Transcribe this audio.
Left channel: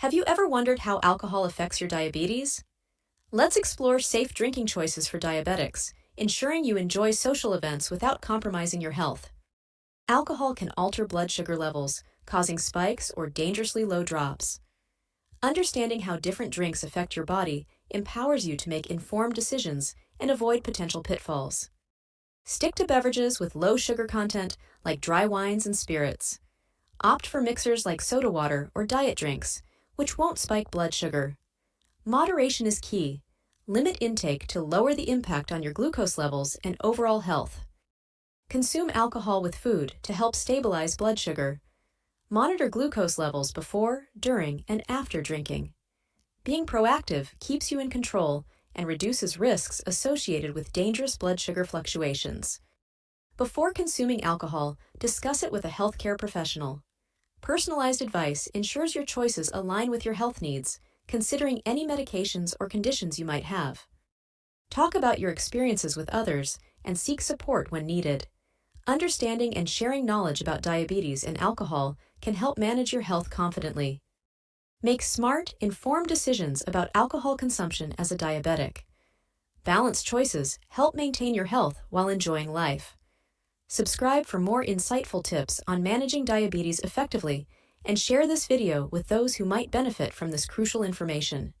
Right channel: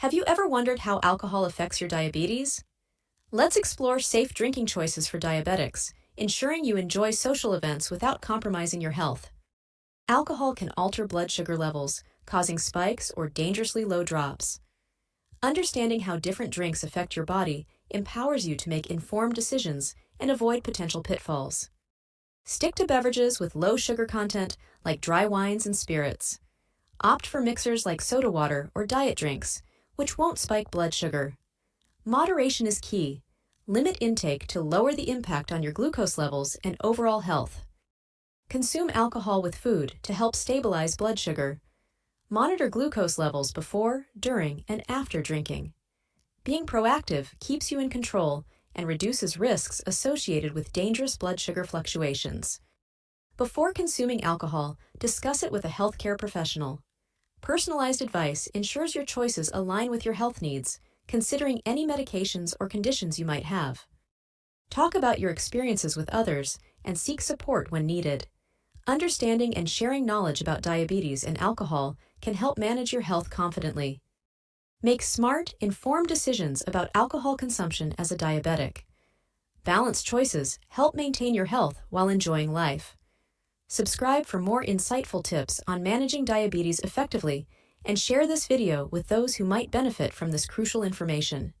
Have you ever wondered how alcohol affects your diabetes? Let's explore safe drinking choices for diabetics, ensuring you enjoy social events without compromising your health. Alcohol can alter blood sugar levels, causing spikes or dangerously low drops. Understanding how different drinks affect your body empowers you to make informed decisions and avoid potential pitfalls. Stick to beverages with low sugar content like dry wines and spirits. Opt for mixers like soda water or diet drinks, which won't spike blood sugar. Moderation is key. Limit intake to lower the impact on your glucose levels and overall health. Consume alcohol with food to help stabilize blood sugar. Monitor glucose levels before, during, and after drinking. Being proactive keeps you in control and reduces risks associated with dangerous blood sugar fluctuations. Before consuming alcohol, discuss it with a healthcare professional. Personalized advice ensures your choices align with your health needs, considering any medications or conditions you might have. Talk about your experiences with others and seek support when needed. Understanding and sharing knowledge about diabetes and alcohol can help manage your health confidently. Make smart, informed decisions about alcohol consumption as a diabetic. Balanced choices help maintain your health while enjoying life. Subscribe for more insightful tips on managing diabetes effectively, and share this video with those who might benefit from this crucial information.